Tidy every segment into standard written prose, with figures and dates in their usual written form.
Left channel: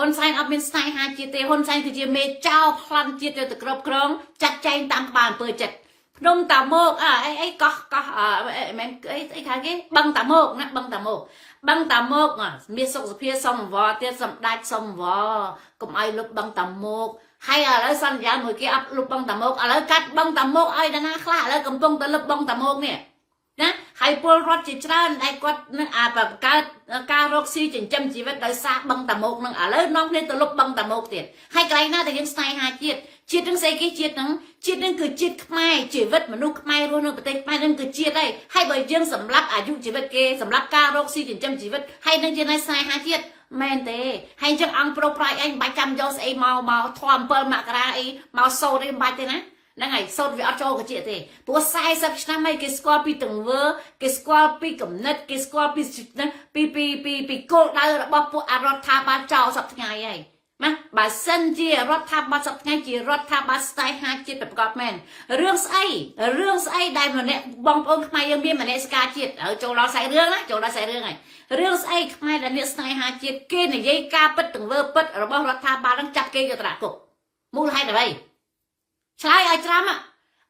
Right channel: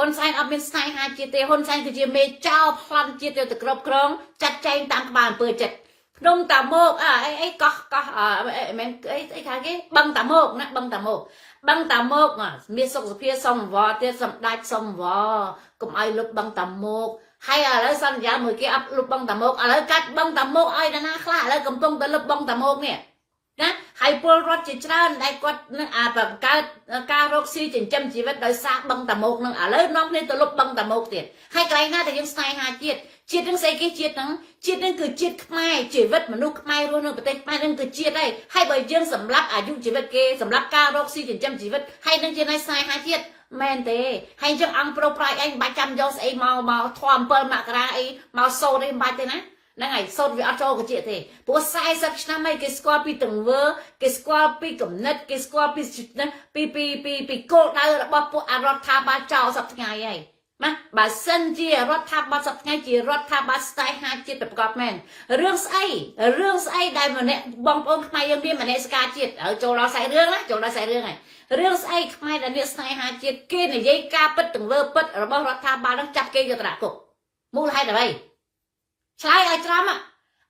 ហ៊ុនសែនអត់មានស្នេហាជាតិទេហ៊ុនសែនគឺជាមេចោលប្លន់ជាតិទៅគ្រប់គ្រងចាត់ចែងតាមក្បាលអំពើចិត្តភ្នំតាមកអីកោះមិនអីថាគេបឹងតាមកណាបឹងតាមកមានសុខសភាសុំវត្តទៀតសម្ដេចសុំវត្តកុំឲ្យលុបបឹងតាមកហើយឥឡូវសន្យាមួយគេអត់លុបបឹងតាមកឥឡូវកាត់បឹងតាមកឲ្យដល់ណាខ្លះឥឡូវកំពុងតែលុបបឹងតាមកនេះណាហើយពលរដ្ឋជាច្រើនដែលគាត់នឹងបង្កើតការរកស៊ីចិញ្ចឹមជីវិតដោយសារបឹងតាមកនឹងឥឡូវនាំគ្នាទៅលុបបឹងតាមកទៀតហើយកន្លែងណាដែលយើងស្នេហាជាតិនឹងស្អីគេជាតិនឹងគឺជាតិខ្មែរជីវិតមនុស្សខ្មែររស់នៅប្រទេសខ្មែរនឹងគឺជាតិហើយបើយើងសម្លាប់អាយុជីវិតគេសម្លាប់ការរកស៊ីចិញ្ចឹមជីវិតហើយនឹងជាស្នេហាជាតិមែនទេហើយចឹងអង្គប្រុសប្រាជ្ញឯងមិនបាច់ចាំយកស្អីមកធំ7មករាអីមកសូត្រអីមិនបាច់ទេណាហ្នឹងហើយសូត្រវាអត់ចូលកជាទេព្រោះ40ឆ្នាំហើយគេស្គាល់ពីទង្វើគេស្គាល់ពីគំនិតគេស្គាល់ពីគោលដៅរបស់ពួកអរដ្ឋាភិបាលចោលសប្តាហ៍ថ្ងៃហើយណាបើសិនជារដ្ឋាភិបាលសប្តាហ៍ថ្ងៃជារដ្ឋាភិបាលស្នេហាជាតិប្រកបមែនរឿងស្អីដែលម្នាក់បងប្អូនខ្មែរយើងមានមនសិការជាតិហើយចូលដល់ខ្សែរឿងណាចូលដល់ខ្សែរឿងហើយរឿងស្អីខ្មែរដែលអ្នកស្នេហាជាតិគេនិយាយការពិតទង្វើពិតរបស់រដ្ឋាភិបាលនឹងចាប់គេយកត្រគុកមូលហេតុអ្វីឆ្លើយឲ្យច្រាំ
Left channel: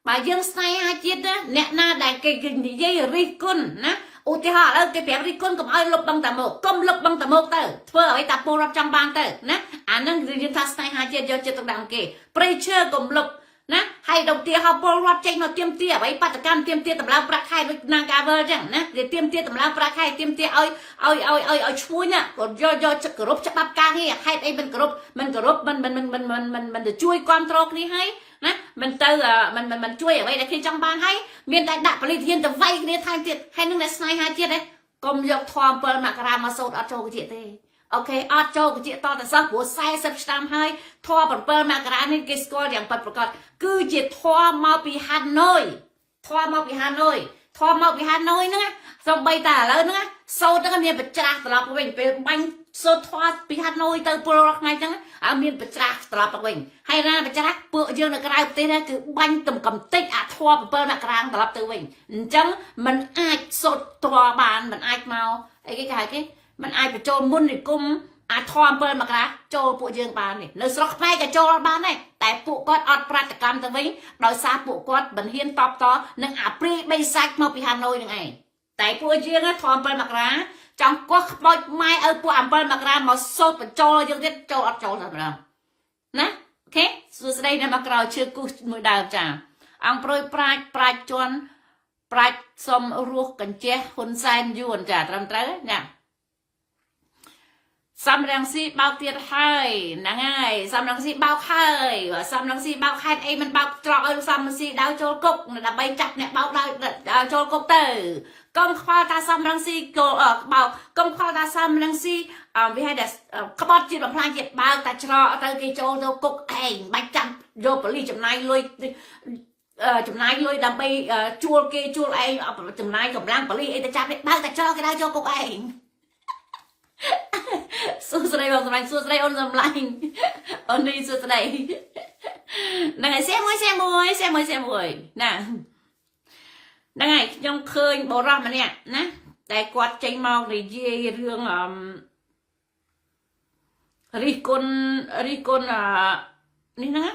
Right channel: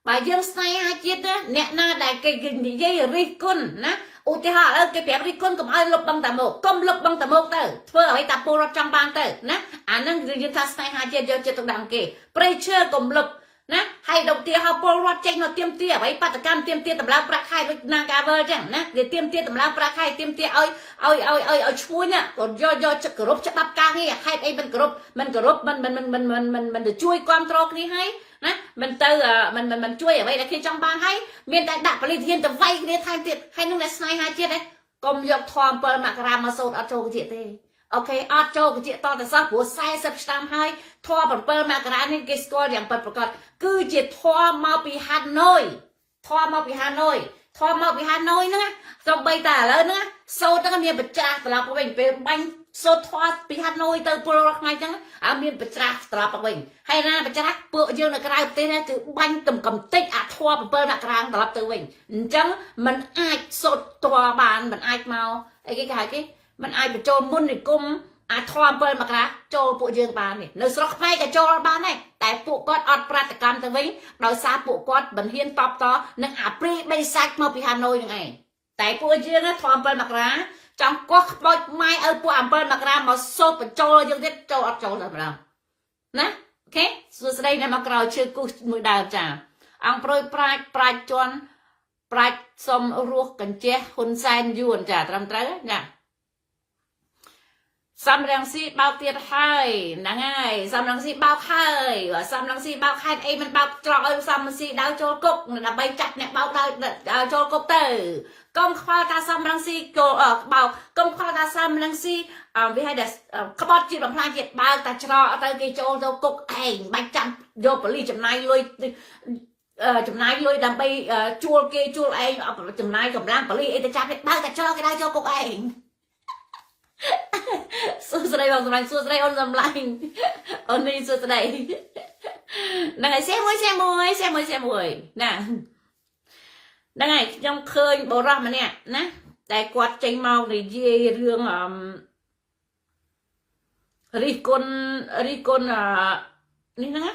បើយើងស្នេហាជាតិអ្នកណាដែលគេនិយាយរិះគន់ណាឧទាហរណ៍ឥឡូវគេប្រាប់រិះគន់កុំឲ្យលុបបឹងតាមកកុំលុបបឹងតាមកទៅធ្វើឲ្យតាពលរដ្ឋចង់បានទៅណាអានឹងយើងថាស្នេហាជាតិយកចិត្តទុកដាក់គេព្រៃឈើកុំលុបណាហើយឧទាហរណ៍ពលរដ្ឋចេញមកទៀមទាអ្វីបដកម្មទៀមទាតម្លើងប្រាក់ខែដូចនាងកាវើចឹងណាគេទៀមទាតម្លើងប្រាក់ខែទៀមទាឲ្យឈ្មោះណាគាត់យកគោរពច្បាប់ការងារហេតុអីមិនគោរពមិនទៅជួយគ្រប់គ្រងគ្នាហើយណាមិនទៅមិនជួយអ្វីដែលគេចង់បានហើយមានតែដាក់ពលិធានទៅវាយគ្នាថែមទៀតហើយនឹងតែស្នេហាជាតិឯងកុំយកធម៌7មករាមកសូត្រអត់ចូលកជាទេអូខេអត់ចូលកជាតតែសោះព្រោះ40ឆ្នាំហើយធម៌7មករានេះគេស្គាល់យ៉ាងពិតប្រាកដគឺជាធម៌មកពីហាណូយហ្នឹងសំបីតាឥឡូវហ្នឹងសូត្រហ្នឹងមានបច្រាស់ត្រឡប់ទៅវិញពេលបាញ់សូត្រធម៌ពីហាណូយទៅពលរដ្ឋថ្ងៃចឹងអត់មានបច្រាស់ត្រឡប់ទៅវិញហើយណាបច្រាស់ពួកយើងនៅក្រៅប្រទេសនេះគឺបាញ់ទំកំតិចអាធម៌7មករាត្រឡប់ទៅវិញអញ្ចឹងมันអាចសូត្រធម៌បានมันអាចមកអីគេហៅទេมันអាចបញ្ចូលមុននិគមអាធម៌7មករាចូលពួកយើងបាននេះនៅស្រុកខ្មែរក៏ចូលបានដែរតែពួកគាត់អត់ប្រតិកម្មទៅវិញដោយសារពួកគាត់មិនហ៊ានតបតនឹងអាព្រីបីសាច់មកពីហាណូយនឹងឯងតែពួកយើងធម៌7មករាចង់កោះក្បោចម៉ែឲ្យពួក7មករាមកសូត្របញ្ចូលយើងទៀតចូលអត់ចូលតែម្ដងណាអូខេសួស្ដីនៅមកក្រោយឈើគូសមួយដើមចាអង្គប្រួយប្រាជ្ញជន់ប្រាជ្ញសុំរស់កញ្ចេះហ៊ុនសែនយួនចាត្រឹមត្រូវណាសំរងស៊ីបោកទៀតហើយហ្នឹងហើយសំរងស៊ីបោកហើយសំរងស៊ីបោកខេតអីមិនបោកច្រកឲ្យសំរងស៊ីដៅចូលគុកដើម្បីចាត់អ្នកបោកដៅចូលគុកទៅកុំខ្វល់ថាសំរងស៊ីចូលបោកកុំខ្វល់ថាសំរងស៊ីវាឲ្យតែក្បត់ជាតិបំផ្លាញជាតិបើកតែច្រកទៅគេចូលទៅគុកឯងបាច់ចាំយកប៉ូលីសចំណាយលុយដើម្បីជួលគេជួលឯងចំណាយកម្លាំងប៉ូលីសអីទៅចាប់នេះបើកតែច្រកគេដៅចូលគុកឯងសួស្ដីបងសម្លាញ់សួស្ដីអូនសម្លាញ់អូននេះសួស្ដីហ្នឹងហើយសៀមួយណាហ្នឹងហើយខ្ញុំឃើញបរិសម្នាក់ណាតែគាត់ចេញមកនិយាយរឿងរិះគន់នេះណា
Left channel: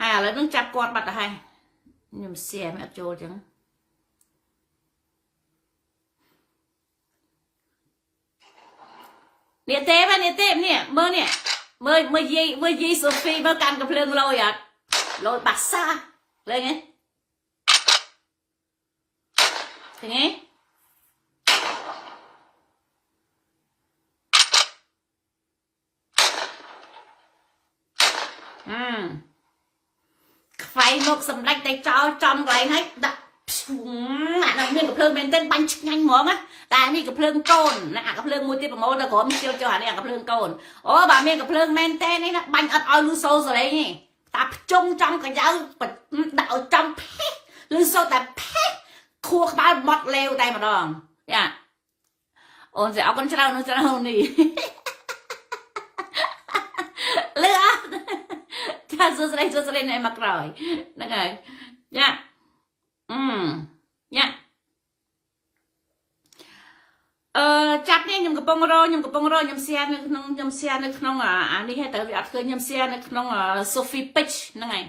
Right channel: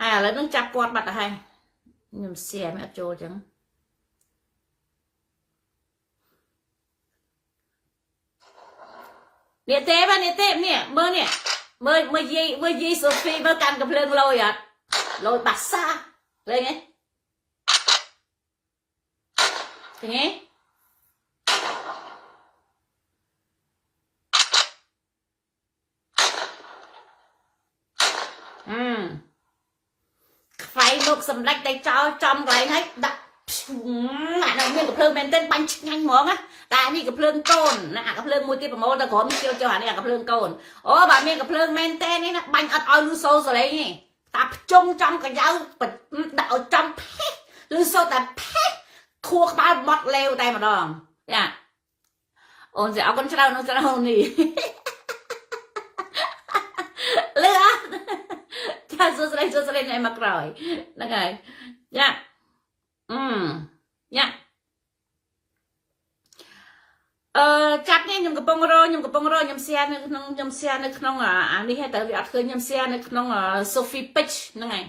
ហើយឥឡូវនឹងចាប់គាត់បាត់ទៅហើយខ្ញុំសៀមិនអត់ចូលចឹងនេះទេនេះមើលនេះមើលយាយសូហ្វីមើលកាន់កំភ្លើងលយអត់លយបាសាលេងហ៎ឃើញទេខ្វាយមុខសម្ដេចតែចោលចំកន្លែងហើយដាក់អានោះមានកំភ្លើងមែនទែនបាញ់ឆ្ងាញ់ហ្មងណាតែនេះកំភ្លើងកូនណាកំភ្លើងមួយទៀតប្រមូលទៅក្រុមជិលអានេះកំភ្លើងកូនអូបើមានកំភ្លើងមែនទែននេះណាបាញ់អត់ឲ្យលឺសូរសលេងទេតាភ្ជុំចំកញ្ចៅដាក់ឲ្យចំលឺសូរតែខួរក្បាលបត់លេវតែម្ដងចាអូនស្អរគុណច្រើននេះលឺអត់ចាសួស្ដីណែមកក្រោយហ្នឹងហើយញ៉ាញ៉ាចាប់នេះខ្ញុំកំពុង งรอខ្ញុំកំពុងរកខ្ញុំ share នៅក្នុងខ្ញុំ share នៅក្នុងអានេះតែវាអត់ឃើញខ្ញុំ share នៅក្នុង Sophie Page ហ្នឹងហើយ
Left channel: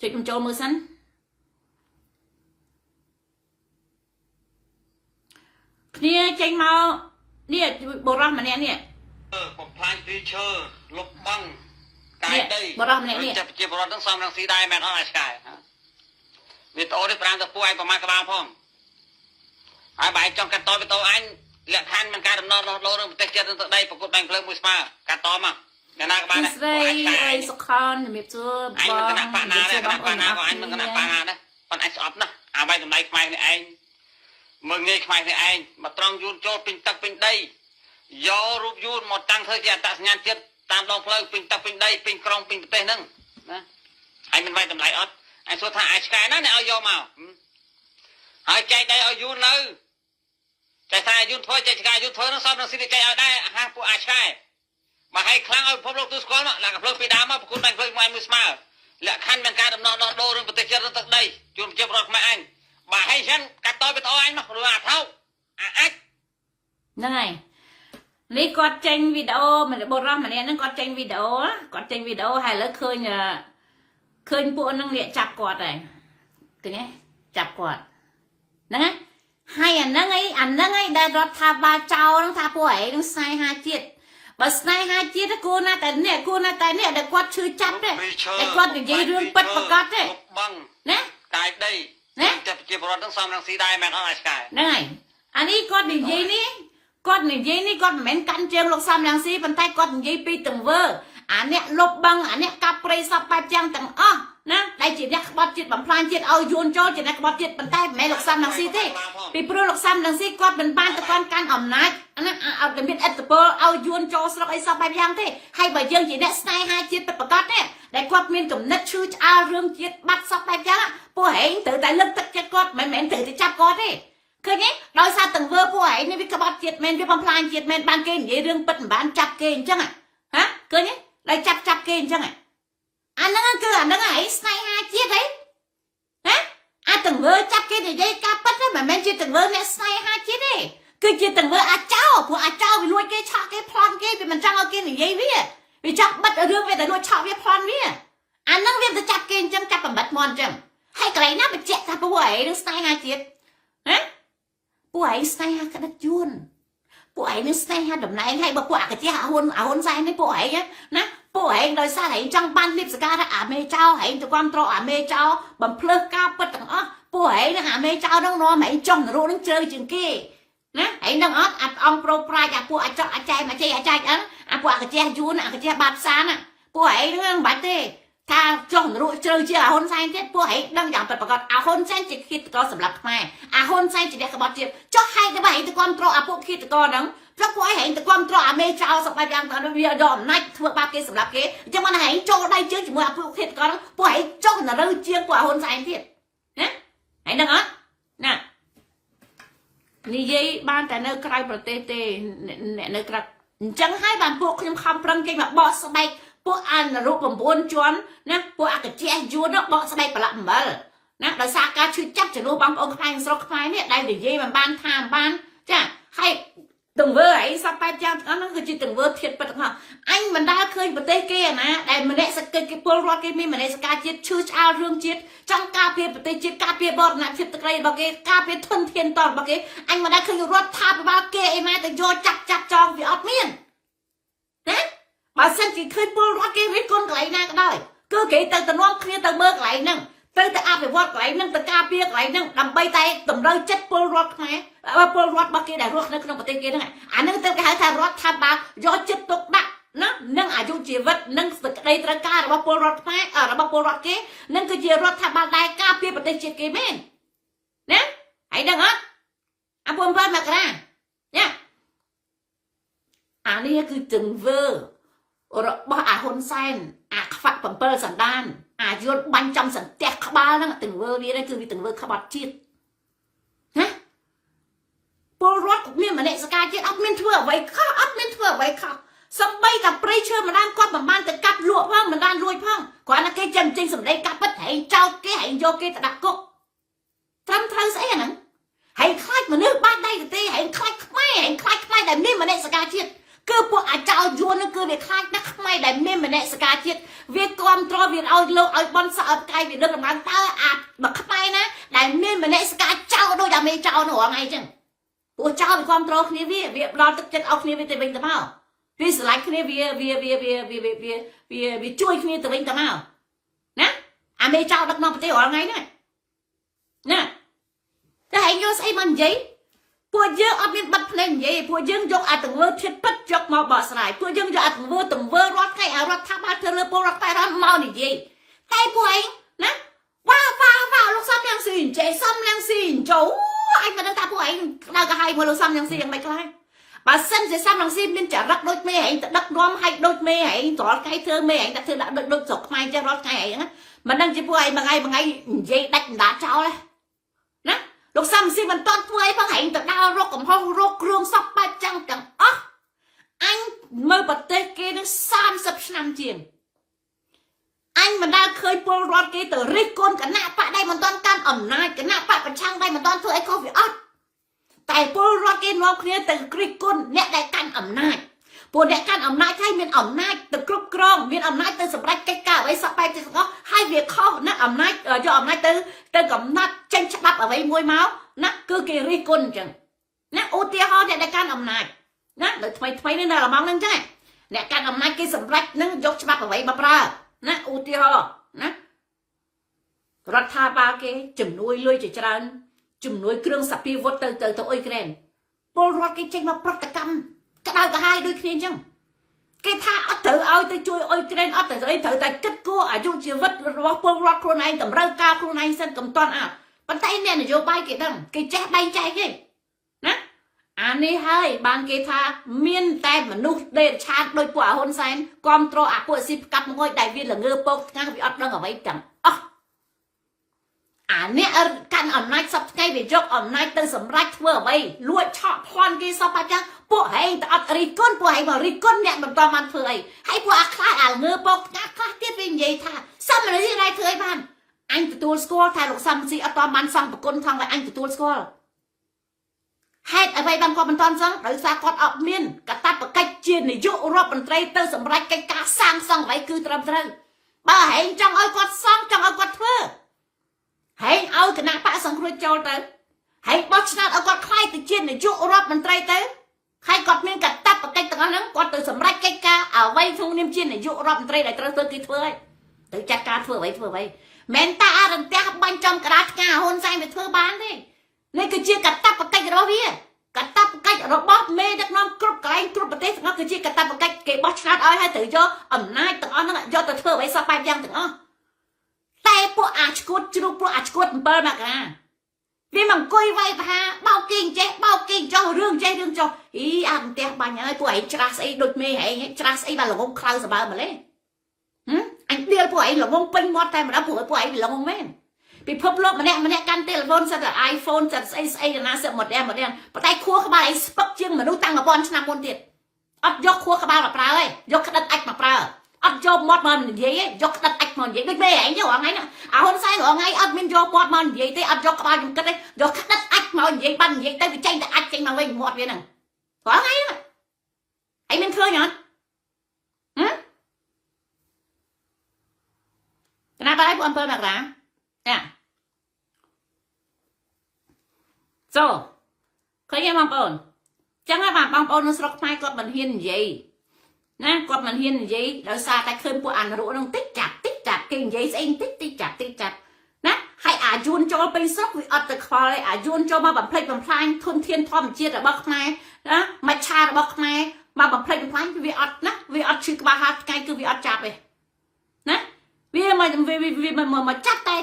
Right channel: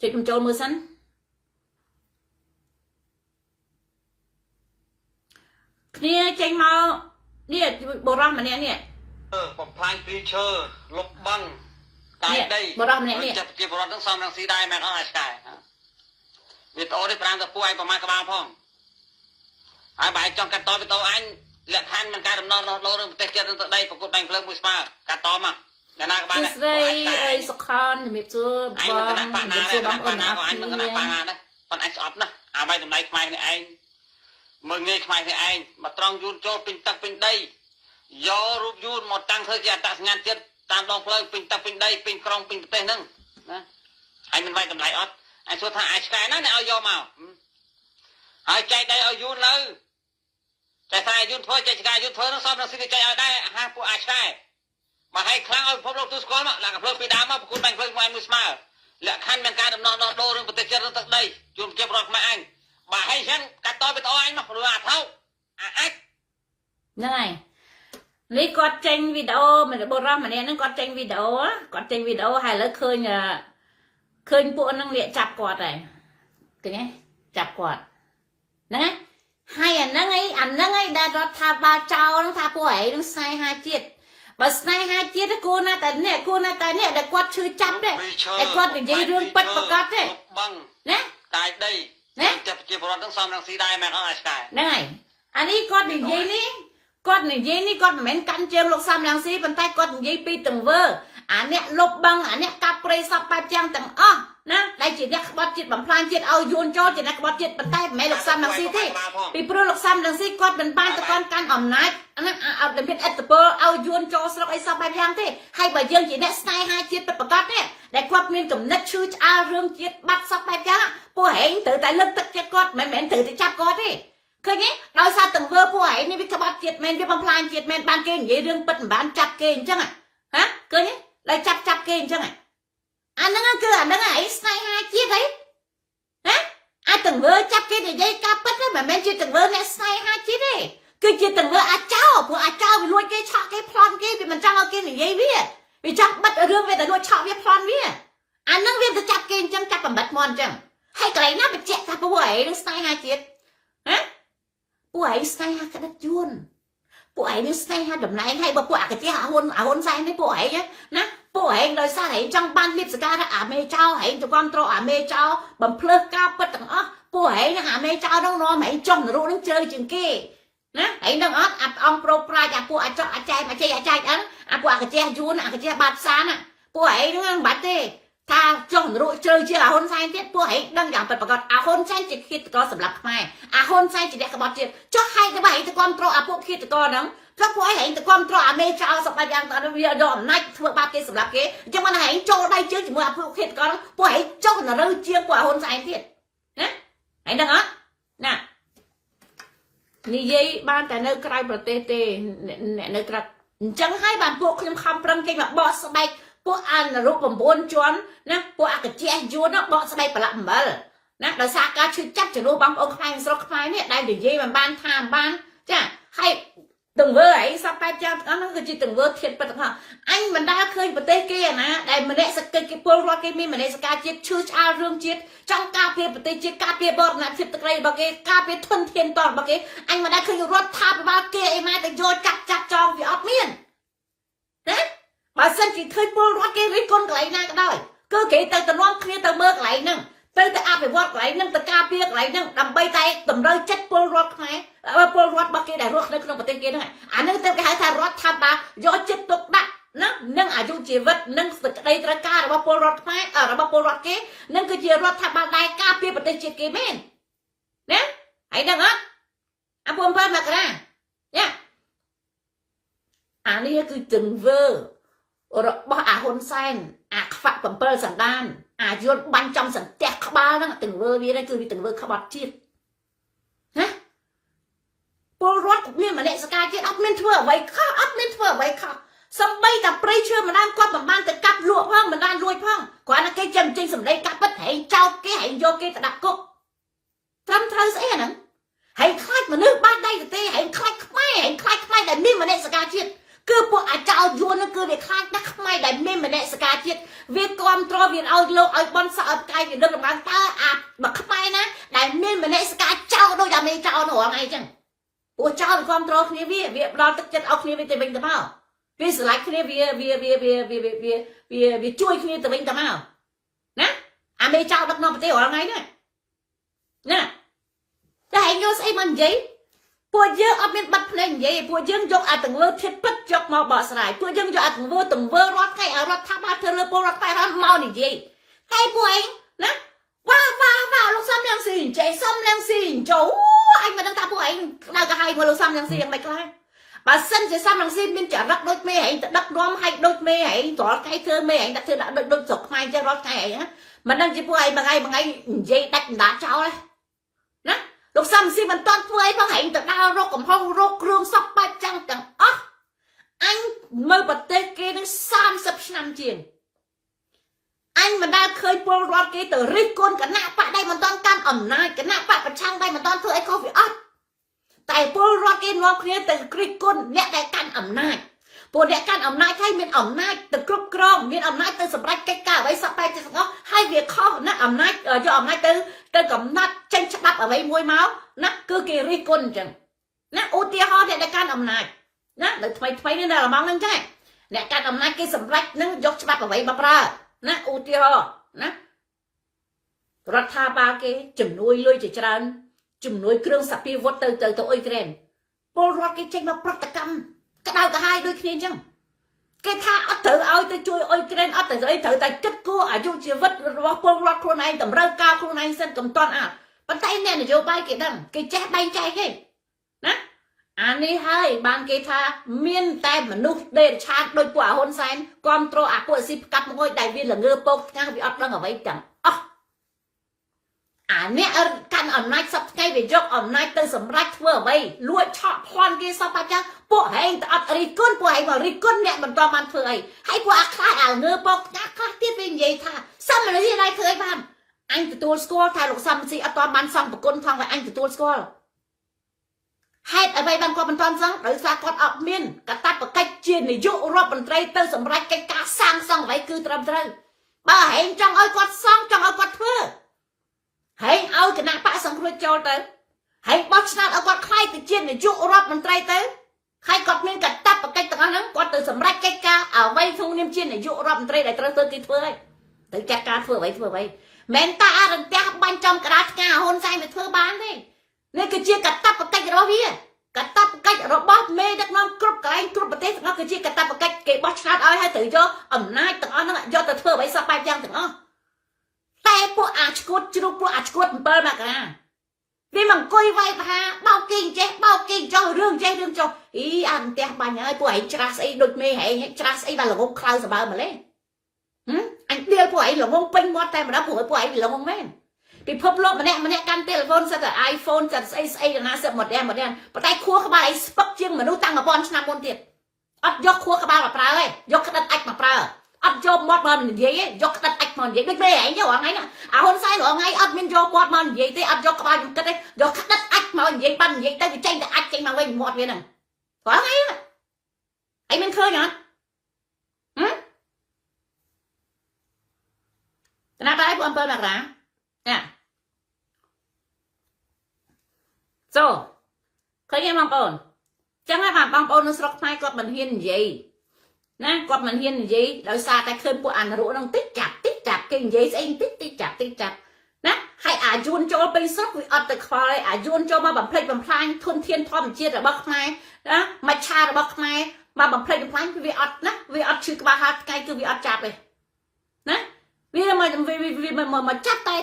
ចុចចូលមើលសិនគ្នាចេញមកនេះបរោះម្នាក់នេះបំផ្លាញព្រៃឈើលុបបាំងកាយដីបរោះម្នាក់នេះចាប់ជាបរោះទាំងសំរងស៊ីដែរមែនអត់អាឆ្កែវីដេអូនេះ5ទៅពួកឯងប្រមាណក្បាលផងហើយបើឯងចង់កាត់តវីដេអូអញលក្ខខណ្ឌមិនការដំណើររស់លោរឿងប្រទេសជាតិទៅដីប្រកួតបាញ់ភ្លើងមួយស្មើកាត់តមកអ្នកណាក៏បានដែរស្រីអីសុខនជំរាបសួរបងអញមិនគណៈបាណាដែរគណៈបាណាក៏អញមិនគណៈបាណាដែរប៉ុន្តែអញស្អប់ណាស់អាវាយតម្លៃខ្មែរនេះឯងមើងងាយខ្មែរនេះឯងមកត្រង់យួនចូលពេញទឹកពេញដីយករូបយួនមកតាំងធ្វើជាអត្តសញ្ញាណជាតិតាមដងផ្លូវពេញទឹកពេញដីពេញក្រុងពេញប្រទេសហ្នឹងណាអញមិនវាយតម្លៃអត់អញសួរថាអាឆ្កែណាអ្នកឲ្យយកមកហើយចែកដីឲ្យយួននៅតែថាយួនធ្វើចែកឆ្កែយួនធ្វើនឹងសមនឹងស៊ីចែកឲ្យដែរហាពួកអាឆ្កែមកឲ្យខ្លាំងឲ្យពិភពលោកទូស្គាល់មកឡើងកាភ្លើងពីដើមមកប្រគួតបាញ់ភ្លើងមួយស្មើលក្ខខណ្ឌមានការដំណោះដោះដូររឿងប្រទេសជាតិរឿងទឹកដីជួនជាប្រកខ្មែរអញបើឲ្យចឹងកាត់តបទៅអញមកព្រោះអាថោអាចហ្នឹងហើយនេះគាត់ចេញវីដេអូមិនបរោះម្នាក់ហ្នឹងគាត់ចេញវីដេអូហើយឥឡូវឃើញពួកហ្នឹងលាកចាប់គាត់ហើយឃើញទេចាប់គាត់ហ្នឹងហើយអាហ្នឹងឯងដែលរដ្ឋាភិបាលចោលហ្នឹងថាពួកឯងនឹងស្នេហាជាតិបើស្នេហាជាតិគួរណាតែនេះដែលគាត់ឈឺចាប់ទេតែគាត់និយាយរឿងពិតប្រកបទេបងណាកាយដីណាចាប់ជាប្រវត្តិទាំងសំរងស៊ីដែរមែនអត់អាឆ្កែហ្នឹងហើយអានេះគាត់និយាយនេះគាត់មិនមែនកាន់ជើងលោកសំរងស៊ីប៉ុន្តែគាត់និយាយពីទង្វើអាអ្នកលុបបឹងអាអ្នកកាប់ព្រៃសពបែបយ៉ាងទាំងអស់ណាដែលជាអ្នកក្បត់ជាតិបំផ្លាញជាតិឲ្យយួនចូលជាអ្នកក្បត់ជាតិប៉ុន្តែមិនមែនលោកសំរងស៊ីទេពីព្រោះលោកសំរងស៊ីគាត់មិនបានទៅកាន់អំណាចណាអត់មានអត្តពលឲ្យយួនចូលស្រុកអីសពបែបយ៉ាងទេហើយបើយើងជាអ្នកស្នេហាជាតិពិតប្រាកដទេដែលគាត់មានគំនិតឈឺឆ្អាលរឿងជាតិបាត់សពបែបយ៉ាងពួកហែងត្រូវតែលើកទឹកចិត្តគាត់មិនមែនត្រូវតែចាប់គាត់ទេឃើញទេដោយសារទង្វើពួកឯងនេះវាក្បត់ជាតិមែនវាបំផ្លាញជាតិមែនបានគេនិយាយរឿងពិតមិនបានចាប់គេអញ្ចឹងហ៎ឃើញទេដល់ចាប់គេអញ្ចឹងអាហ្នឹងគឺអាហ្នឹងឯងស្នេហាជាតិហីអាទង្វើចាប់គេនិយាយការពិតហ្នឹងមិនមែនជាទង្វើអ្នកស្នេហាជាតិទេគឺជាទង្វើអាចោព្រោះអាចោវាលួចគេឆក់គេប្លន់គេវាមិនចង់ឲ្យគេនិយាយវាចង់បិទរឿងវាទៅលួចឆក់វាប្លន់វាអាហ្នឹងវាទៅចាប់គេអញ្ចឹងចាប់បំបិតមកអញ្ចឹងហើយកន្លែងណាបញ្ជាក់ថាពួកឯងស្នេហាជាតិពួកឯងស្នេហាក្តិតយួនពួកឯងនឹងស្នេហាតំណែងហើយបើពួកអកជាហ៊ុនសែននេះពួកឯងណាពួកឯងដោយសារឯងចង់បានលៀបសការថាអាមេចៅឯងទៅគ្រប់គ្រងអាមេចៅបំភ្លើសការពិតទាំងអស់ពួកឯងនឹងអាមេចៅនឹងនាំឯងចង់នរោនឹងជ្រៅជាងគេណាឯងនឹងអត់អង្គប្រូប្រាជ្ញអាពួកអាចកអាចែមអាចអឹងអាពួកអកជាយួនអកជាបាត់សានពួកឯងនឹងមិនបាច់ទេថាចង់នរោជ្រៅជាហ៊ុនសែនទៀតពួកឯងដឹងយ៉ាងពិតប្រាកដហ៊ុនសែនជាឃាតករសម្រាប់ខ្មែរហ៊ុនសែនជាអ្នកក្បត់ជាតិចុះហេតុតែបើឯងទៅគ្រប់គ្រងអាពួកឃាតករហ្នឹងព្រោះពួកឯងទៅគ្រប់គ្រងអាមេចៅសពបែបយ៉ាងទៅវាយកអំណាចធ្វើបាបគេសម្រាប់គេអញ្ចឹងមិនឯងចូលដៃជើងជាមួយអាពួកឃាតករហ្នឹងពួកឯងចុះនរោជាងពួកហ៊ុនសែនទៀតណាឯងដឹងអត់ណានិយាយបានតែនៅក្រៅប្រទេសទេអ្នកនៅក្រៅអញ្ចឹងហើយបានពួកខ្ញុំខំប្រឹងគេមកបោះស្បែកពួកអានរូប9ជាន់ណាពួកអកជាយួនបកស្បែកប្រឡាក់អំបិលណាដោយសារការឈឺចាប់ចំនួនបងប្អូនខ្មែរស្រុកខ្មែរនេះដែលនិយាយមិនបានថាមិនបានចាហើយទង្វើអីសពបែបយ៉ាងទាំងអស់នោះគឺជាទង្វើធាតុពិតទាំងអស់អញមិនដាល់ឃើញប្រទេសគេណាដែលមនសិការគេពលរដ្ឋគេមានមនសិការជាតិឈឺឆ្អាលរឿងជាតិចង់ការពារប្រទេសជាតិការពារបរណភាពទឹកដីរបស់គេការពារធនធានតរបស់គេអញមិនដាល់ឃើញរដ្ឋាភិបាលគេអីម៉ែទៅយកចាប់ចងវាអត់មានណាបើសិនជាឃើញពលរដ្ឋគេរិះគន់កន្លែងណាក៏ដោយគឺគេទៅនាំគ្នាទៅមើលកន្លែងហ្នឹងទៅអភិវឌ្ឍកន្លែងហ្នឹងទៅការពារកន្លែងហ្នឹងដើម្បីតែតម្រូវចិត្តពលរដ្ឋខ្មែរពលរដ្ឋរបស់គេដែលរស់នៅក្នុងប្រទេសគេហ្នឹងអាហ្នឹងទៅគេហៅថារដ្ឋាភិបាលយកចិត្តទុកដាក់ណានឹងអាយុជីវិតនិងសេចក្តីត្រូវការរបស់ពលរដ្ឋខ្មែររបស់ពលរដ្ឋគេនឹងគឺជារដ្ឋាភិបាលដែលការពារប្រទេសជាតិគេមែនណាហើយដឹងអត់អា7មករាណាអានេះគឺទង្វើរបស់អាហ៊ុនសែនអាខ្វាក់7សណ្ដានអាយួនបាញ់ចំសន្ទះក្បាលហ្នឹងទង្វើវានេះគឺវាទង្វើក្បត់ជាតិណាពលរដ្ឋមានមនសិការជាតិអត់មានធ្វើអ្វីខុសអត់មានធ្វើអ្វីខុសសំបីតែព្រៃឈើម្ដងគាត់មិនបានទៅកាត់លក់ផងមិនបានលួចផងគ្រាន់តែគេចេញសម្ដីកាត់ពិតហែងចោតគេហែងយកគេទៅដាក់គុកត្រឹមត្រូវស្អីអាហ្នឹង hãy khai mà nước ban đây thì hãy khai đại miên mà này sẽ ca chết cứ bộ chào vua nó cứ để khai nó khai đại miên mà này sẽ ca chết việc con trò việc ao lâu ao bon sợ cay thì được làm ăn ta mà khai na đại miên mà này sẽ ca chào đôi đam mê chào nó ngay chăng bộ chào con trò kia việc lo tất chân ao kia từ bên tao mau vì sự lại kia vì chui kia từ bên tao mau nè mê chào đặt nó phải hỏi ngay nèแต่ให้ยูใส่มันยี่พวกยืมเอาเป็นบัตรเพลงยี่พวกยืมยกอาตึงเวอร์ทิพย์ยกมาบ่อสลายพวกยืมยกอาตึงเวอร์รถไงรถทับมาเธอเรือโปรถไฟร้อนเมาหนิยี่แต่พวกเองนะว้าวลูกซ้ำยังสิ่งเจซ้ำยังสิ่งโจ้ไอ้มาตั้งแต่พวกเองเราก็ให้พวกลูกซ้ำยังสิ่งยังไม่ก็ให้bà sinhจะซ้ำยังสิ่งเป็นจะรักโดยเมย์เองดักรวมให้โดยเมย์เองต่อใครเธอเมย์เองดักเธอดักโดยจบไม่จะรถไงเองมันนั่งจะพวกเองบางไงยี่ดักด่าเจ้าเลยนะลูกซ้ำสิมันตอนเพื่อเพราะเห็นแต่ดาวโรคกับห้องโรคเครื่องซับไปจังอ๋ออันเมื่อประเทศเกณฑ์30 năm tiền anh mà đã khơi pol rọt cái từ riết côn cả nạ bạ đây mình toàn can ẩm nai cả nạ bạ trang đây mình toàn thôi không phải ớt tại pol rọt cái nó kia từ riết côn nè đại can ẩm nai pol đại can ẩm nai thay mình ẩm nai từ cướp crom mình ẩm nai từ sập rách cái cả với sập bay từ nó hai việc khó nè ẩm nai cho ẩm nai từ cầm nát tranh chấp ở với môi máu nè cứ kỳ riết côn chẳng nè ô tia ho đại can ẩm nai nè được thay nên là mong lên chứ nè can ẩm nai cái sập rách nó dốc chấp ở với bà raนะอุทิศนะรัฐบาลเกจุ่มนุ้ยลุยจะจรันจุ่มนุ้ยเครื่องสับปีวัดเตยตัวอิสราเอลพอรัฐเกจึงมาปฏิกรรมกระดาวกระหายด้วยเพียงจังเกท่าอัดเถอเอาแต่ช่วยอิสราเอลอัดแต่ตัวเองเถอแต่คิดกู้อายุชีวิตรัฐพลรัฐคนไหนแต่ร่างกายคนไหนเส้นกำตอนปัจจัยเนี่ยนโยบายเกดังเกแจ๊ใบใจเกนะอันนี้ให้บางเกธาเมียนแต่มนุษย์เดินชาติโดยปวดหนแสนความโตอาปวดสิบกับมวยได้วิลเงือปกงานวิอัดดังเอาไว้จังอ๋ออันนี้การอ่อนน้อยสับไงไปยกอ่อนน้อยตื่นสำรักเมื่อไว้ลวดชอบพรกีสับปะจังปวดให้แต่อัดริก้นปวดให้มาริก้นเนี่ยมันตอมันเผยให้ปวดคลายอ่างเงือปกงานคลายที่เป็นยัยท่าซ้ำอะไรที่ไรเผยบ้านอันตัวสกอลถ่ายหลกซ้ำสิอัตอมันซ้ำปะก้นทางไว้อันตัวสกอลให้อะไรบางคนมันตอนสังหรือสากลออกเมียนกระตัดปะกัดเจียนในยุโรปมันไตรเตอร์สำรักการการสร้างสองไว้คือตรำตรึงบ่าเห็นจังเอากอดสองจังเอากอดเพื่อเห็นเอากระนาปะสังครุโจเตอร์เห็นบอสนาเอากอดใครติเจียนในยุโรปมันไตรเตอร์ใครกอดเมียนกระตัดปะกัดต่างนั้นกอดเตอร์สำรักการการเอาไว้ทุ่งเนียมเจียนในยุโรปมันไตรได้เตอร์เตอร์กี่เพื่อถึงจัดการเพื่อไว้แมนตาอารันเตะบันจอมกระดาษงาหนใจไปเพื่อบ้านนี่นี่คือเจียนกระตัดปะกัดเราเพี้ยกระตับกัดระบอบเมย์ดักน้ำกรุบไก่กรุบประเทศนั่นคือที่กระตับกัดเก็บบอชนาดอ้อยให้ถือโยอ่ำนายตั้งอ้อนั่งโยแต่เธอไว้สบายยังตั้งอ้อแต่พวกอาชกุดจุพวกอาชกุดเปิดมากนะvì mình coi vay và bao kinh cho rương cho ý ăn tè bà nhớ của ấy tra ấy đột mê hay tra ấy bà là ngông khao sao bà mà lấy anh đưa của ấy là ngông pin mót tay mà đã của ấy là ngông men bị phớp lốp mà nè căn telephone sao là iPhone sao ấy là nó sẽ một đen bắt tay khua các bà ấy bắt chương mà nuôi tăng ở bon năm môn tiền ấp dốc khua các bà mà pra ơi dốc cái đất ách mà pra ấp dốc mót mà mình gì ấy dốc cái đất ách mà gì đôi mê ấy nhớ ngay nè hôm nay ở ngay ấp mình dốc mót mà gì thế ấp dốc các bà dùng cái đấy dốc cái đất ách mà gì ban gì tay bị tranh đất ách tranh mà lên mót vậy nè có ngay mà ấy mình khơi nhở nó tới của anh phơi mặt ra nha so ឃើញទេបងប្អូនចឹងហើយបាទបងប្អូននៅស្រុកខ្មែរគាត់មិនហ៊ាននិយាយណាគាត់មិនហ៊ាននិយាយដោយសារតែឃើញពួកអានរោនឹងតិចចាប់គេនិយាយស្អីតិចចាប់ណាហើយអាយួនចូលទៅស្រុកវាអត់ទៅខ្វល់អាយួនចូលមកបំផ្លិចបំផ្លាញធនធានធម្មជាតិរបស់ខ្មែរណាមច្ឆារបស់ខ្មែរមកបំផ្លិចបំផ្លាញវាអត់ណាវាអត់ឈឺក្បាលហាត់ថ្ងៃគឺវាអត់ចាប់ទេណាវាមកចាប់តែ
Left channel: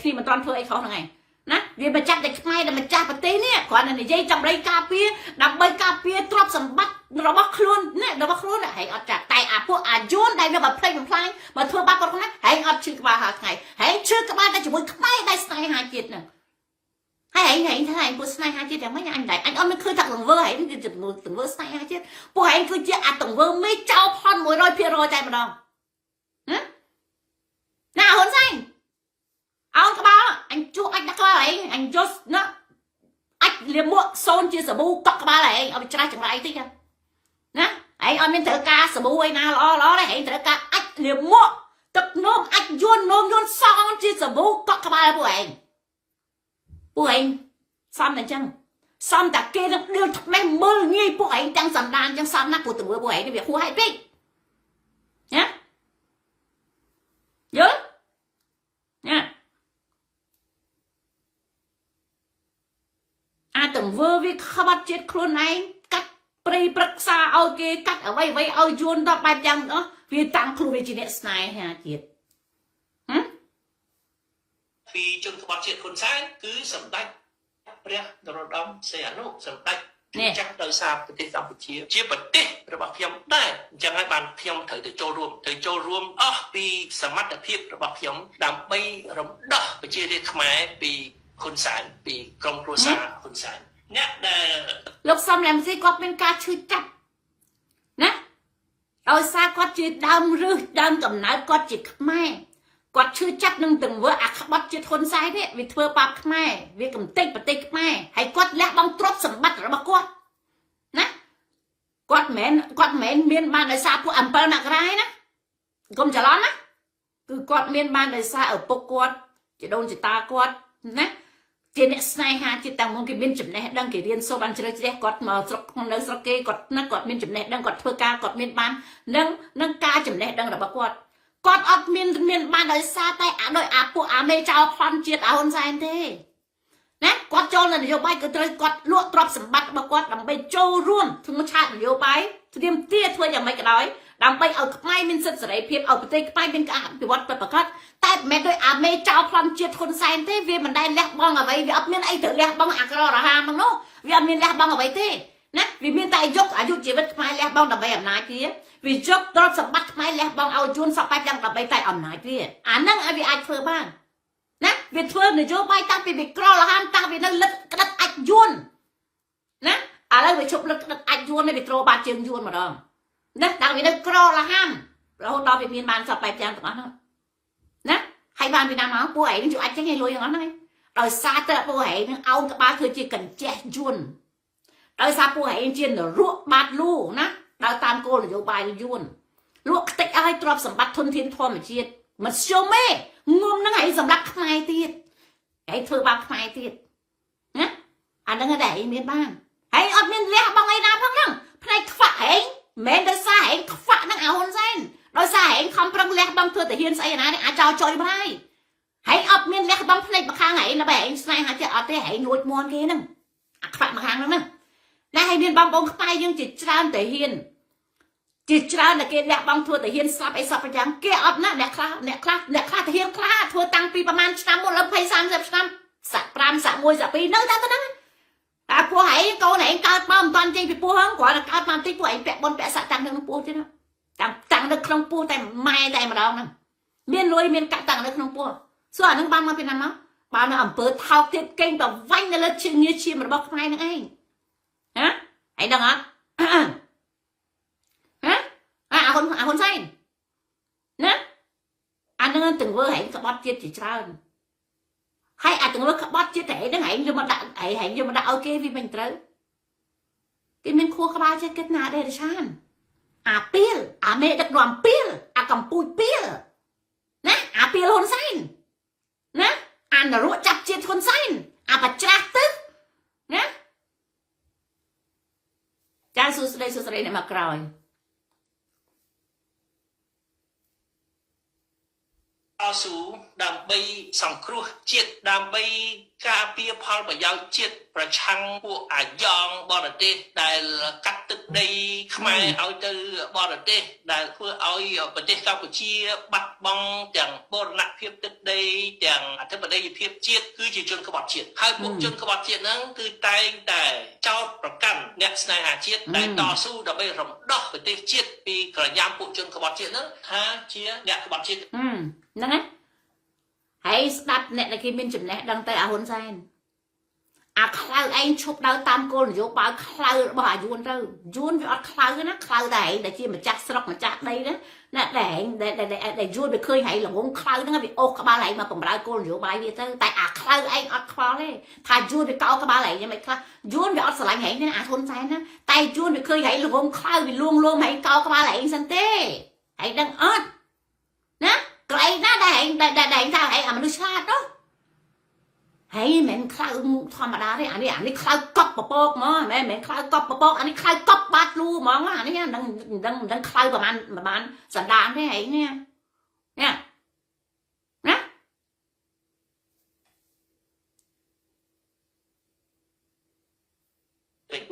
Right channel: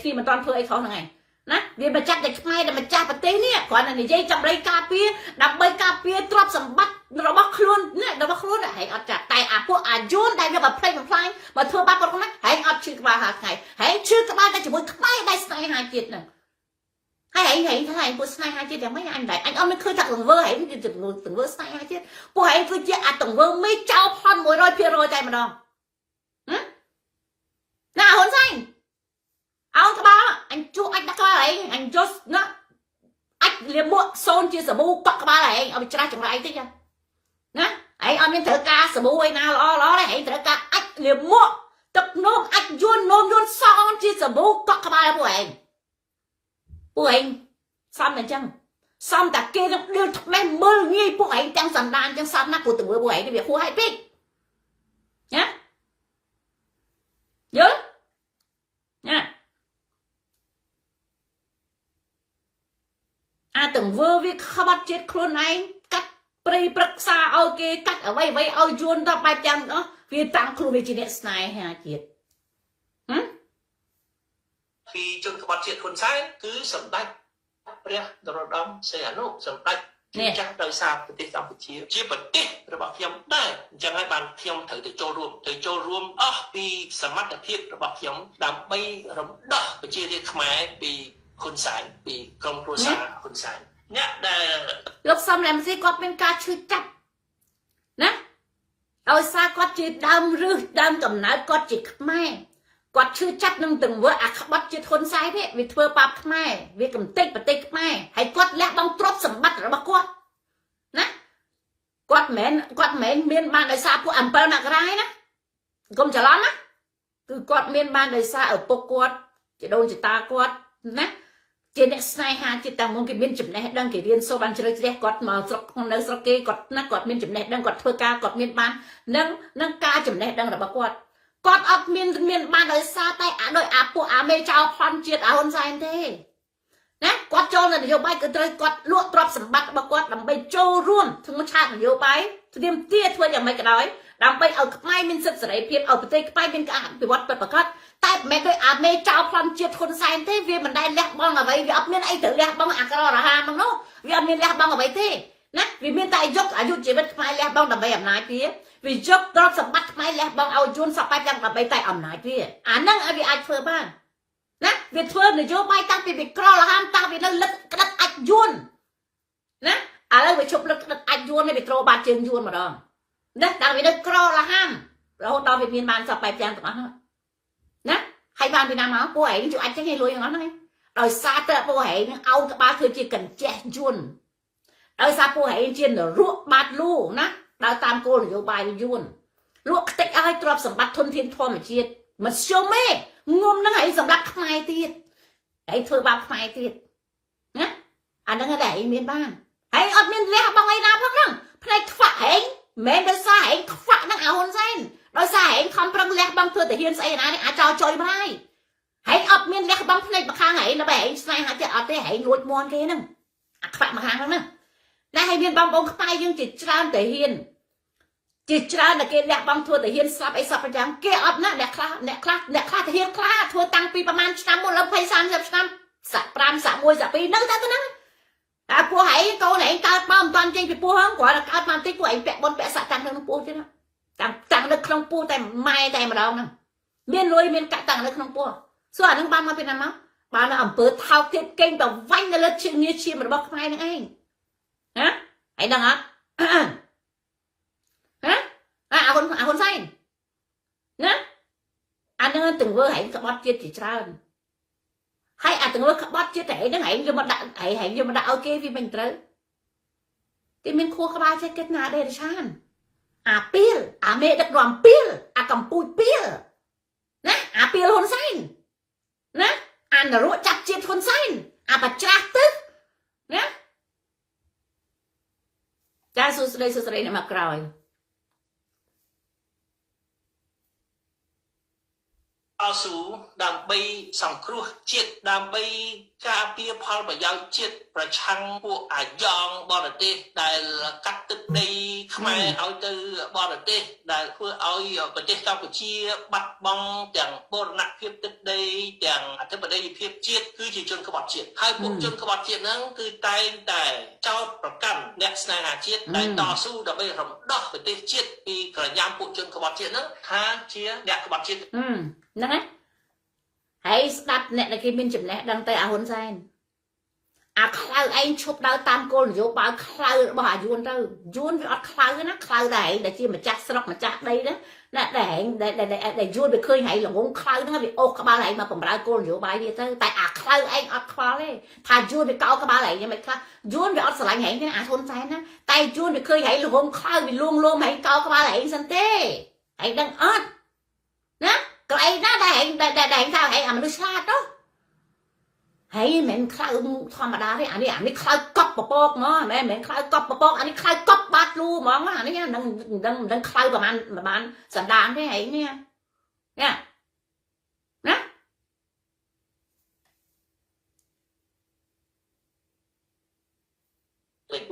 គ្នាមិនទាន់ធ្វើអីខុសហ្នឹងឯងណាវាមកចាប់តែខ្មែរដែលម្ចាស់ប្រទេសនេះគ្រាន់តែនិយាយចាំរៃការពារដើម្បីការពារទ្រព្យសម្បត្តិរបស់ខ្លួនណារបស់ខ្លួនហែងអត់ចាក់តែអាពួកអាយួនដែលនៅបំផ្លិចបំផ្លាញមកធ្វើបាបគាត់ហ្នឹងហែងអត់ឈឺក្បាលហាថ្ងៃហែងឈឺក្បាលតែជាមួយខ្មែរដែលស្នេហាជាតិហ្នឹងហើយហែងពួកស្នេហាជាតិយ៉ាងម៉េចអញដែរអញអត់មានឃើញថាទង្វើហែងទង្វើស្នេហាជាតិពួកហែងគឺជាអាទង្វើមេចោលផន 100% តែម្ដងណាហ៊ុនសែន ông các ba anh chú anh đã coi ấy anh just nó liềm muộn xôn chia sẻ bu cọc ba này ông tra chẳng lại thế nè ấy ông nên thử ca sẻ bu ấy nào lo đấy hãy thử ca ách liềm muộn tập nôm ách nôm son chia sẻ bu cọc ba bu anh xong này chăng xong ta kia nó đưa thật mấy mơ nghi bu anh chẳng sẵn đàn chẳng xong nát của từng bu anh việc khu hai biết nhá nhớ nha từng vừa việc khá bắt chết khuôn này cắt prey bật xa ao kia cắt ở vây ao yuan đó bài chăng đó vì tăng khuôn về chuyện này ha chết vì chân các bạn chuyệnคนซ้ายcứ sầm đạchเรียก ดรดำ เสียนุสำดักจังโดยสารประเทศกัมพูชีเชี่ยประเทศระบาดเพียงได้จังให้บานเพียงถือโจรวมปีสมัติเพียงระบาดเพียงดำไปรำดอกไปเชี่ยเรียกขมายปีคนสายปีกรมโปรซาคนสายเนี่ยได้ลูกซ้ำแหลมสิก็เป็นการช่วยจับนะโดยซาก็จีดำหรือดำกับน้าก็จีขมายก็ชื่อจัดนึงตึงว่าอักบัดจิตคนซ้ายเนี่ยวิเทอร์ปับไม่วิกำเต็กปฏิกไม่ให้กดและบังตรบสมบัติระบกดนะกดเหม็นเมียนบ้านในซาผู้อัมเปอร์นักร้ายนะกรมจะร้อนนะคือกดเมียนบ้านในซาปกกดจะโดนจะตากดนะเจเนสไนฮาจิตตังมงกิเมียนจุดไหนดังกี่เรียนโซบันเชลเจกดมาสกในสกเกกดนักกดเมียนจุดไหนดังกดเพื่อกากดเมียนบ้านนั่งกาจุดไหนดังระบกดกอดอดเมียนบ้านเลยซาใต้โดยอาปูอาเมเจ้าพรเจียดเอาคนใจเท่นะกอดโจรนโยบายก็เลยกอดลวกตรอบสมบัติบกอดดำไปโจร่วมถึงมาชาตินโยบายเตรียมเตี้ยทัวอย่างไม่กระดอยดำไปเอาไม่เป็นสิทธิ์เสรีเพียบเอาไปเตะไม่เป็นการไปวัดไปประกาศแต่แม้โดยอาเมเจ้าพรเจียดคนใจเท่เวียมันได้แลกบ้องเอาไว้เวียเมียนไอ้ถือแลกบ้องอักกระระหามังโน่เวียเมียนแลกบ้องเอาไว้เท่นะเวียเมียนได้ยกอายุชีวิตไม่แลกบ้องดำไปแบบไหนเตี้ยวิจบตรอบสมบัติไม่แล้วบางเอาจุนสบายจังกับใบไตอ่ำหนายพี่นั่งไอ้วิไอเฟอร์บ้านนะวิเฟอร์เนี่ยโยบายตั้งปีกรอละห้ามตั้งปีนั้นลึกกระดับไอจุนนะอะไรวิชบลึกกระดับไอจุนในวิโตรบาเจียงจุนมาดองนะตั้งปีนั้นกรอละห้ามเราตอนไปเมียนบานสบายจังตรงนั้นนะให้บานไปนำมาป่วยนี่จู่ไอจะให้รวยอย่างนั้นไงโดยซาเตอร์ป่วยเอากระบาคือจีกันแจจุนโดยซาป่วยเจียนรัวบาดลูนะดาวตามโกนโยบายยุ่นลวกติดอะไรตรอบสมบัติทนเทียนทนมาเชียดมันเชียวแม่งมนั่งไอ้สำลักขมายตีดไอ้เธอบางขมายตีดนะอันนั้นก็ได้เมียนบ้านไอ้อดเมียนแล้วบางไอ้นาพักนั่งพลายขวาเองแม่ได้สายขวานั่งเอาคนเส้นเราสายคำปรังแลกบางเธอแต่เฮียนใส่นะเนี่ยอาจารย์จอยไม่ให้อดเมียนแล้วบางพลายมาข้างไหนแล้วแบบใส่หาจะอดไปให้หลุดมวนแค่นั่งอักขระมาข้างแล้วนั่งได้ให้เมียนบางองค์ไปยังจิตจานแต่เฮียนจิตจานแต่เกลียบางทัวแต่เฮียนซับไอ้ซับประจังเกลียบนะเนี่ยคลาแต่เฮียนคลาทัวตั้งปีประมาณ3 หมดแล้วไป30 สักปรามสักมวยสักปีนั่งตั้งนั้นแต่พวกไอ้โตไหนการปั้มตอนจริงไปพวกห้องกว่าการปั้มที่พวกไอ้แปะบนแปะสักตังค์ทั้งพวกใช่ไหมตังค์ในคลองปูแต่ไม่แต่มาเรานั่งเมียนรวยเมียนกะตังค์ในคลองปูส่วนนึงบ้านมาเป็นอะไรมั้งบ้านมาอ่ำเปิดเท้าเก็บเก่งแต่วันนั่นเลยเชียร์เชียร์มันบอกทำไมนั่งไอ้ฮะไอ้ดังอ่ะคนใส่นะอันนั้นถึงว่าให้กับบัตรเจ็ดจีจ้าให้ถึงว่าบัตรเจ็ดแต่นั่งให้ยังมาด่าให้ยังมาด่าโอเคvì mình tới cái mình khua các ba chơi kết nã đây là sao pil mẹ đặt đoàn pil cầm pui pil nè pilคนใส่นะน่ะรู้จับเจ็ดคนใส่ปัจจัยตึกนะจ้าสุดเลยเนี่ยมากรอยเอาสู่ดำไปสังครัวเจ็ดดำไปกาเปียพอลประยาวเจ็ดประชังพวกยองบอลเตได้กัดตึกได้ขมายเอาเจอบอลเตได้เพื่อเอาประเทศกัมพูชีบัดบองอย่างโบราณเพียบตึกได้อย่างอัฐบดีเพียบเจ็ดคือจีจนขบัดเจ็ดให้พวกจนขบัดเจ็ดนั้นคือแต่เจ้าประกันเนี่ยสนายหาเจ็ดได้ต่อสู้ดำไปรำดอกประเทศเจ็ดปีกระยำพวกจนขบัดเจ็ดนั้นหาเชียเนี่ยขบัดเจ็ดนั่นไงให้สตัดเนี่ยในกิมินจุดเนี่ยดังแต่อาหุนไซน์ អាខ្លៅឯងឈប់ដើរតាមគោលនយោបាយខ្លៅរបស់អាយួនទៅយួនវាអត់ខ្លៅណាខ្លៅតែឯងដែលជាម្ចាស់ស្រុកម្ចាស់ដីណាណាតែឯងដែលយួនវាឃើញហែងល្ងងខ្លៅហ្នឹងវាអូសក្បាលឯងមកបំរើគោលនយោបាយវាទៅតែអាខ្លៅឯងអត់ខ្វល់ទេថាយួនវាកោក្បាលឯងយ៉ាងម៉េចខ្លះយួនវាអត់ស្រឡាញ់ហែងទេអាហ៊ុនសែនណាតែយួនវាឃើញហែងល្ងងខ្លៅវាលួងលោមហែងកោក្បាលឯងសិនទេហែងដឹងអត់ណាក៏ឯងណាដែលហែងថាហែងអាមនុស្សឆ្លាតទៅហើយមិនខ្លៅធម្មតាទេអានេះខ្លៅកប់ពពកហ្មងមិនខ្លៅកប់ពពកអានេះខ្លៅកប់បាត់លូហ្មងអានេះនឹងខ្លៅប្រហែលសណ្ដានទេហើយនេះណា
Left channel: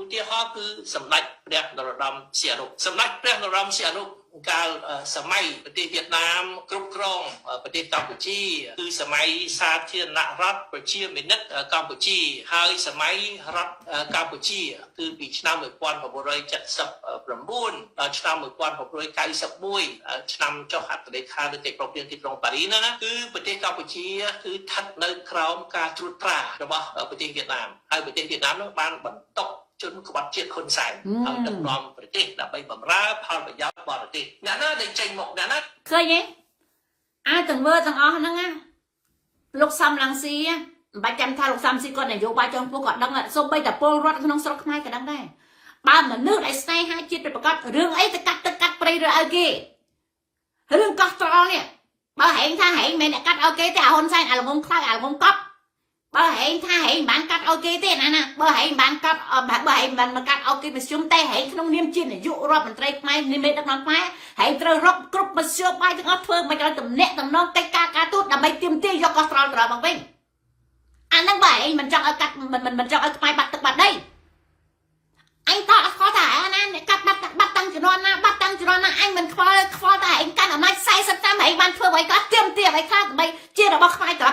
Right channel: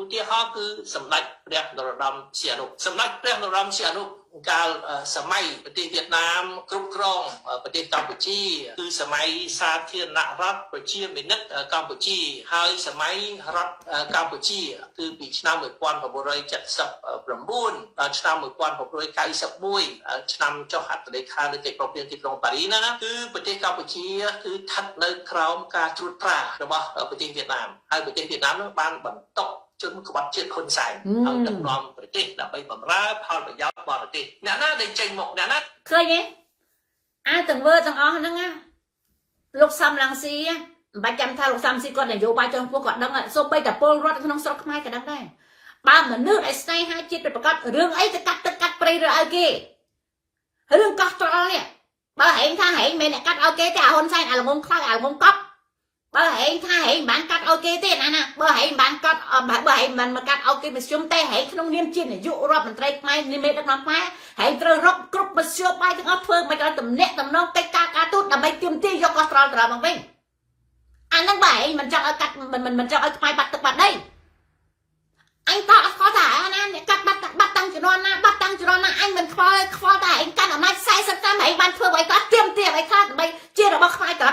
ឧទាហរណ៍គឺសម្ដេចព្រះនរោត្តមសីហនុសម្ដេចព្រះនរោត្តមសីហនុកាលសម័យប្រទេសវៀតណាមគ្រប់គ្រងប្រទេសកម្ពុជាគឺសម័យសាធារណរដ្ឋប្រជាមានិតកម្ពុជាហើយសម័យរដ្ឋកម្ពុជាគឺពីឆ្នាំ 1979 ដល់ឆ្នាំ 1991 ឆ្នាំចុះហត្ថលេខានីតិប្រព័ន្ធទីក្រុងប៉ារីសណាគឺប្រទេសកម្ពុជាគឺស្ថិតនៅក្រោមការត្រួតត្រារបស់ប្រទេសវៀតណាមហើយប្រទេសវៀតណាមនោះបានបន្តជនក្បត់ជាតិហ៊ុនសែនឲ្យដឹកនាំប្រទេសដើម្បីបម្រើផលប្រយោជន៍បរទេសអ្នកណាដែលចេញមកអ្នកណាឃើញទេអាទាំងវើទាំងអស់ហ្នឹងណាលោកសំឡងស៊ីមិនបាច់ចាំថាលោកសំស៊ីគាត់នយោបាយចុងពោះគាត់ដឹងសូម្បីតែពលរដ្ឋក្នុងស្រុកខ្មែរក៏ដឹងដែរបើមនុស្សដែលស្នេហាជាតិប្រកាសរឿងអីទៅកាត់ទឹកកាត់ព្រៃឬឲ្យគេរឿងកោះត្រល់នេះបើហែងថាហែងមិនអ្នកកាត់ឲ្យគេទេអាហ៊ុនសែនអាល្ងងខ្លាំងអាល្ងងកប់បើហែងថាហែងបានកាត់ឲ្យគេទេណាបើហែងបានកាត់បើហែងបានមកកាត់ឲ្យគេប្រជុំតែហែងក្នុងនាមជានាយករដ្ឋមន្ត្រីខ្មែរនាមេដឹកនាំខ្មែរហែងត្រូវរកគ្រប់មធ្យោបាយទាំងអស់ធ្វើមិនឲ្យតំណែងតំណងកិច្ចការទូតដើម្បីទាមទារយកកោះត្រល់ត្រឡប់មកវិញអាហ្នឹងបើហែងមិនចង់ឲ្យកាត់មិនចង់ឲ្យខ្មែរបាត់ទឹកបាត់ដីអញក៏អត់ខ្វល់ថាណាអ្នកកាត់បាត់តាំងជំនាន់ណាបាត់តាំងជំនាន់ណាអញមិនខ្វល់តែឯងកាន់អំណាច40 ឆ្នាំឯងបានធ្វើអ្វីក៏ទាមទារអ្វីខ្លះដើម្បីជារបស់ខ្មែរត្រ